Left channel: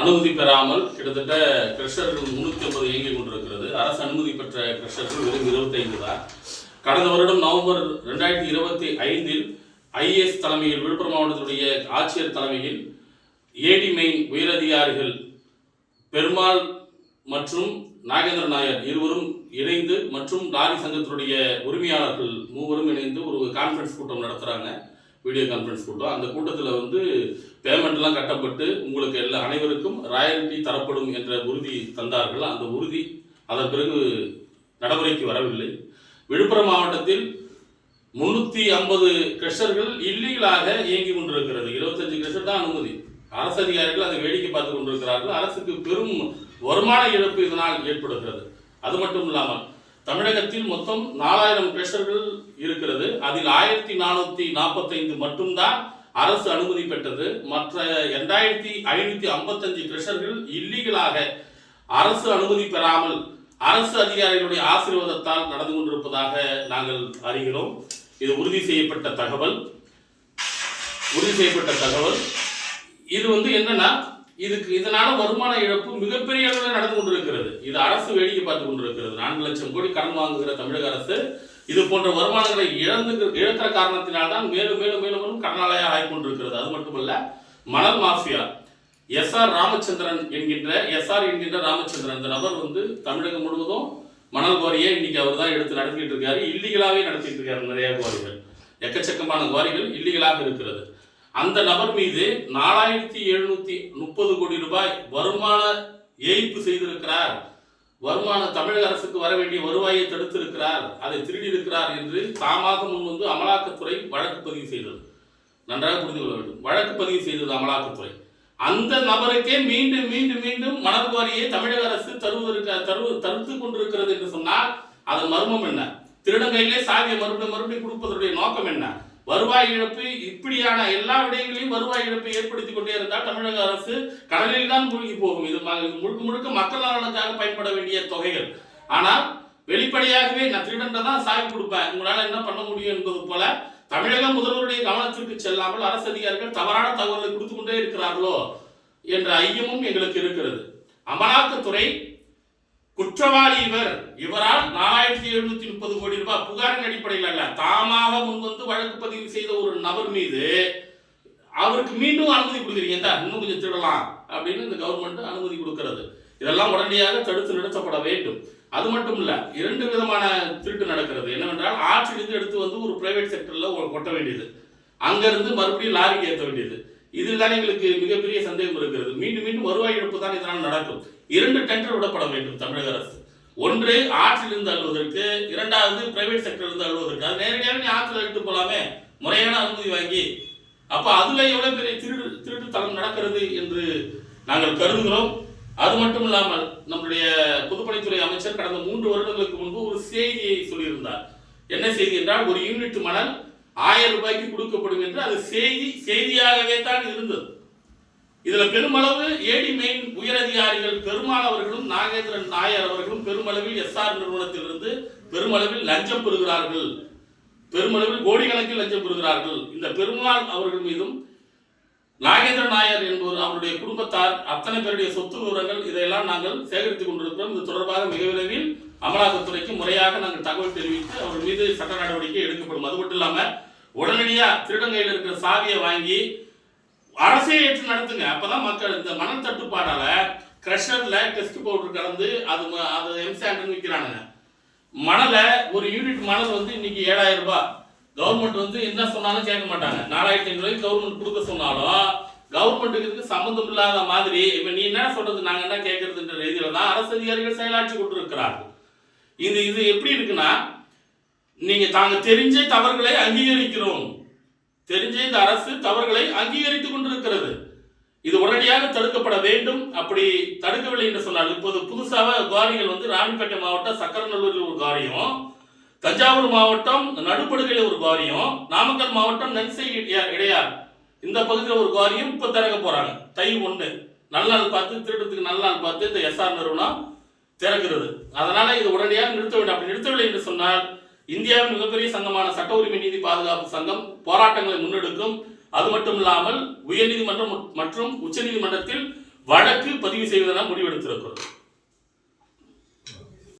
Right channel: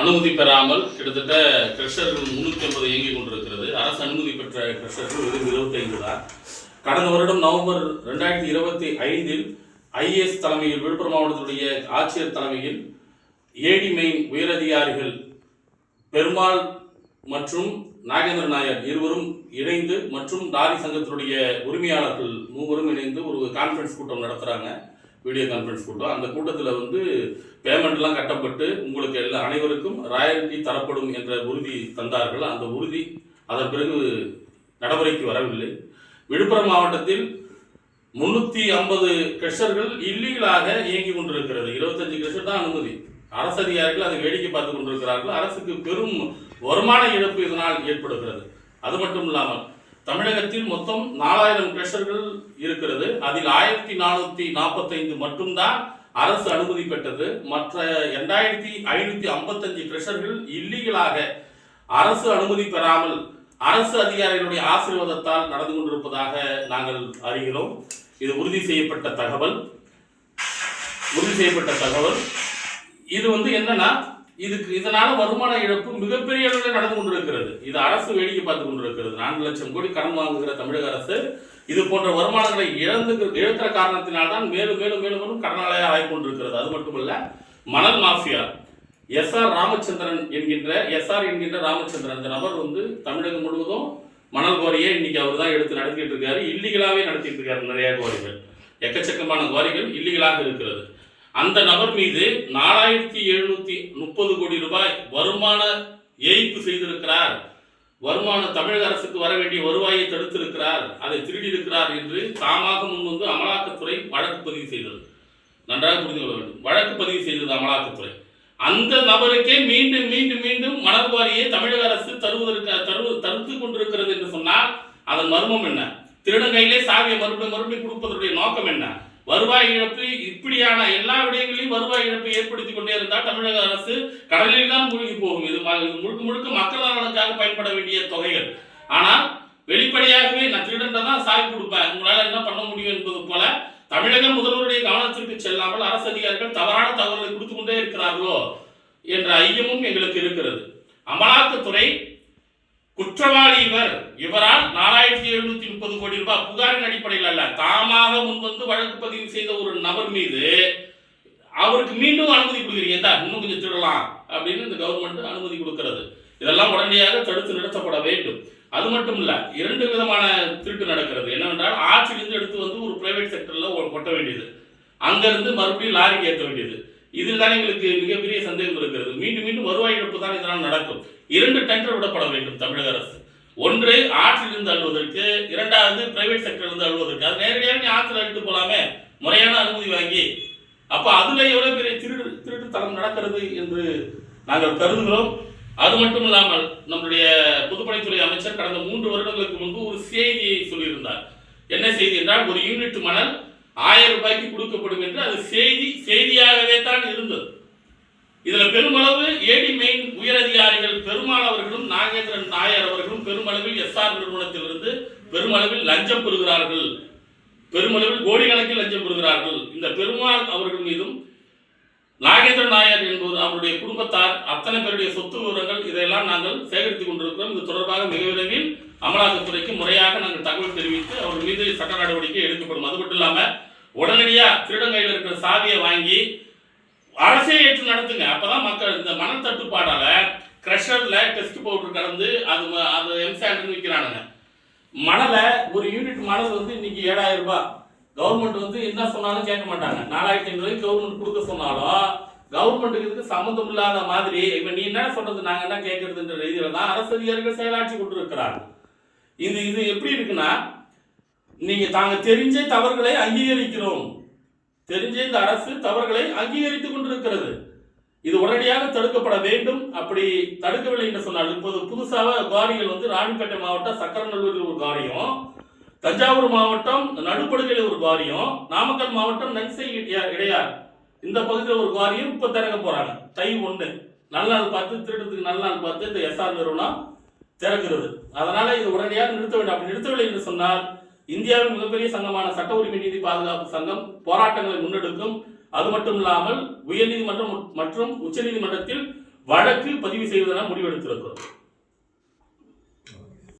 அனுமதி பெறாமல் கிட்டத்தட்ட கிரஷர்கள் 350 இயங்கிக் கொண்டிருக்கிறது. அரசு அனுமதி பெற்ற கிரஷர்கள் வெறும் 25 தான். கடந்த வருடம் நவம்பர் 2025 ஐஏஎஸ் தலைமையில் விழுப்புரம் மாவட்டத்துடைய ஆட்சியர் தலைமையில் ஏடி மெயின் உயரதிகாரிகள் பெருமாள் மற்றும் நாகேந்திர நாயர் இருவரும் இணைந்து மற்றும் லாரி சங்கத்தினுடைய உரிமையாளர்கள் மூவரும் இணைந்து ஒரு கான்ஃபரன்ஸ் கூட்டம் நடத்துகிறாங்க. வீடியோ கான்ஃபரன்ஸ் கூட்டம். அந்த கூட்டத்தில் பேமெண்ட்லாம் கட்டப்பட்டு உங்களுக்கு அனைவருக்கும் ராயல்டி தரப்படும் என்ற உறுதி தந்தார்கள். அந்த உறுதி அதன் பிறகு நடைமுறைக்கு வரவில்லை. விழுப்புரம் மாவட்டத்தில் 350 கிரஷர்கள் இல்லீகலாக இயங்கி கொண்டிருக்கிறது. 25 கிரஷர் தான் அனுமதி. அரசு அதிகாரிகள் அதை வேடிக்கை பார்த்து கொண்டிருக்கிறார்கள். அரசுக்கு பெரும் வருமான இழப்பு இதனால் ஏற்படுகிறது. அது மட்டும் இல்லாமல் தமிழகத்தில் மொத்தம் 4000 கிரஷர்கள் இருக்கிறது. அதில் 1445 மட்டும்தான் அரசு அனுமதி பெற்றது. மற்ற 2555 கிரஷர்கள் இல்லீகலாக அரசு அனுமதி பெறாமல் அரசு அதிகாரிகளுடைய ஆசீர்வாதத்தால் நடந்து கொண்டிருப்பதாக நாங்கள் அறிகிறோம். இது உறுதி செய்யப்பட்ட தகவல். இது என்னன்னா இதனால வருமான இழப்பு மிகப்பெரிய அளவில் நடந்து கொண்டிருக்கிறது. இது அரசு வேடிக்கை பார்த்து கொண்டிருக்கிறது. 4 லட்சம் கோடி கடன் வாங்குகிற தமிழக அரசு இது போன்ற வருமானங்களை இழக்கிற காரணத்தினால்தான் மேலும் மேலும் மேலும் மேலும் கடனாளியாக ஆகி கொண்டிருக்கிறது. அது மட்டுமல்ல, மணல் மாஃபியா எஸ்ஆர் என்கின்ற ராமச்சந்திரன் இந்த நபர் தமிழகம் முழுவதும் மணல் குவாரியை இன்னைக்கு அவர் தான் எடுத்து நடத்திட்டு இருக்காரு. இல்லீகலாகவே நடத்திட்டு இருக்காரு. நிறைய குவாரிகள், எக்கச்சக்கமான குவாரிகள் இல்லீகலாக இருக்கிறது. அந்த நபர் மீது 4730 கோடி ரூபாய் வருமான ஏய்ப்பு செய்திருக்கிறார். தமிழக அரசுக்கு வர வேண்டிய வருவாயை தடுத்திருக்கிறார், அதை திருடி இருக்கிறார் என்று தாமாக முன்வந்து அமலாக்கத்துறை வழக்கு பதிவு செய்தது. நன்றாக புரிந்து கொள்ள வேண்டும். வழக்கு பதிவு செய்தது அமலாக்கத்துறை. அந்த நபருக்கே மீண்டும் மீண்டும் மீண்டும் மணல் குவாரியை தமிழக அரசு தடுத்து கொண்டிருக்கிறது என்று சொன்னால் அதன் மர்மம் என்ன? திருடங்கையிலே சாவியை மறுபடியும் கொடுப்பதற்குரிய நோக்கம் என்ன? வருவாய் இழப்பு. இப்படியான எல்லா விடயங்களையும் வருவாய் இழப்பு ஏற்படுத்தி கொண்டே இருந்தால் தமிழக அரசு கடலில் தான் மூழ்கி போகும். இது முழுக்க முழுக்க மக்கள் நலனுக்காக பயன்பட வேண்டிய தொகைகள். ஆனால் வெளிப்படையாகவே நான் திருடன்றதான் சாவி கொடுப்பேன், உங்களால் என்ன பண்ண முடியும் என்பது போல தமிழக முதல்வருடைய கவனத்திற்கு செல்லாமல் அரசு அதிகாரிகள் தவறான தகவல்களை கொடுத்து கொண்டே இருக்கிறார்களோ என்ற ஐயமும் எங்களுக்கு இருக்கிறது. அமலாக்கத்துறை குற்றவாளி இவரால் 4730 கோடி ரூபாய் புகாரின் அடிப்படையில் அல்ல, தாமாக முன்வந்து வழக்கு பதிவு செய்த ஒரு நபர் மீது அவருக்கு மீண்டும் அனுமதி கொடுக்குறீங்க, இன்னும் கொஞ்சம் திருடலாம் அப்படின்னு இந்த கவர்மெண்ட் அனுமதி கொடுக்கிறது. இதெல்லாம் உடனடியாக தடுத்து நிறுத்தப்பட வேண்டும். அது மட்டும் இல்ல, 2 விதமான திருட்டு நடக்கிறது. என்னவென்றால், ஆற்றிலிருந்து எடுத்து ஒரு பிரைவேட் செக்டர்ல கொட்ட வேண்டியது, அங்கிருந்து மறுபடியும் லாரிக்கு ஏற்ற வேண்டியது. இதில் தான் எங்களுக்கு மிகப்பெரிய சந்தேகம் இருக்கிறது. மீண்டும் மீண்டும் வருவாய் இழப்பு தான் இதனால் நடக்கும். 2 டெண்டர் விடப்பட வேண்டும் தமிழக அரசு. ஒன்று ஆற்றிலிருந்து அள்ளுவதற்கு, 2வது பிரைவேட் செக்டர்லேருந்து அள்ளுவதற்கு. அது நேரடியாக ஆற்றில் எடுத்து போலாமே, முறையான அனுமதி வாங்கி. அப்போ அதில் எவ்வளோ பெரிய திருட்டுத்தனம் நடக்கிறது என்று நாங்கள் கருதுகிறோம். அது மட்டும் இல்லாமல் நம்முடைய பொதுப்பணித்துறை அமைச்சர் கடந்த 3 வருடங்களுக்கு முன்பு ஒரு செய்தியை சொல்லியிருந்தார். என்ன செய்தி என்றால், ஒரு யூனிட் மணல் 1000 ரூபாய்க்கு கொடுக்கப்படும் என்று. அது செய்தியாகவே தான் இருந்தது. இதுல பெருமளவு ஏடி மெயின் உயரதிகாரிகள் பெருமாள் அவர்களும் நாகேந்திரன் நாயர் அவர்களும் பெருமளவில் எஸ்ஆர் நிறுவனத்திலிருந்து பெருமளவில் லஞ்சம் பெறுகிறார்கள், பெருமளவில் கோடிக்கணக்கில் லஞ்சம் பெறுகிறார்கள். இந்த பெருமாள் அவர்கள் மீதும் நாகேந்திர நாயர் என்பவர் அவருடைய குடும்பத்தார் அத்தனை பேருடைய சொத்து விவரங்கள் இதையெல்லாம் நாங்கள் சேகரித்துக் கொண்டிருக்கிறோம். இது தொடர்பாக மிக விரைவில் அமலாக்கத்துறைக்கு முறையாக நாங்கள் தகவல் தெரிவித்து அவர் மீது சட்ட நடவடிக்கை எடுக்கப்படும். அது மட்டும் இல்லாம உடனடியாக திருடங்கையில் இருக்கிற சாவியை வாங்கி அரசே ஏற்று நடத்துங்க. அப்பதான் மக்கள் இந்த மணல் தட்டுப்பாடால கிரஷர்ல டெஸ்ட் பவுடர் கலந்து அது எம்சாண்ட் விற்கிறானுங்க. மணலை ஒரு யூனிட் மணல் இன்னைக்கு 7000 ரூபாய். கவர்மெண்ட் என்ன சொன்னாலும் கேட்க மாட்டாங்க. 4500 ரூபாய்க்கு கவர்மெண்ட் கொடுக்க சொன்னாலும் கவர்மெண்ட்டுக்கு இதுக்கு சம்பந்தம் இல்லாத மாதிரி இப்ப நீ என்ன சொல்றது நாங்க என்ன கேட்கறதுன்ற ரீதியில தான் அரசு அதிகாரிகள் செயலாற்றி கொண்டிருக்கிறார்கள். இது எப்படி இருக்குன்னா, நீங்க தாங்க தெரிஞ்ச தவறுகளை அங்கீகரிக்கிறோம், தெரிஞ்ச இந்த அரசு தவறுகளை அங்கீகரித்துக் கொண்டிருக்கிறது. இது உடனடியாக தடுக்கப்பட வேண்டும். அப்படி தடுக்கவில்லை என்று சொன்னால், இப்போது புதுசாக குவாரிகள் ராணிப்பேட்டை மாவட்டம் சக்கரநல்லூரில் ஒரு குவாரியும், தஞ்சாவூர் மாவட்டம் நடுப்படுகையில் ஒரு குவாரியும், நாமக்கல் மாவட்டம் நன்சை இடையார் இந்த பகுதியில் ஒரு குவாரியும் இப்போ திறக்க போறாங்க. தை 1 நல்ல நாள் பார்த்து, திருடத்துக்கு நல்ல நாள் பார்த்து இந்த எஸ்ஆர் நிறுவனம் திறக்கிறது. அதனால இது உடனடியாக நிறுத்த வேண்டும். அப்படி நிறுத்தவில்லை என்று சொன்னால் இந்தியாவின் மிகப்பெரிய சங்கமான சட்ட உரிமை நீதி பாதுகாப்பு சங்கம் போராட்டங்களை முன்னெடுக்கும். அது மட்டும் இல்லாமல் உயர்நீதிமன்றம் மற்றும் உச்சநீதிமன்றத்தில் வழக்கு பதிவு செய்வதென முடிவெடுத்திருக்கிறோம்.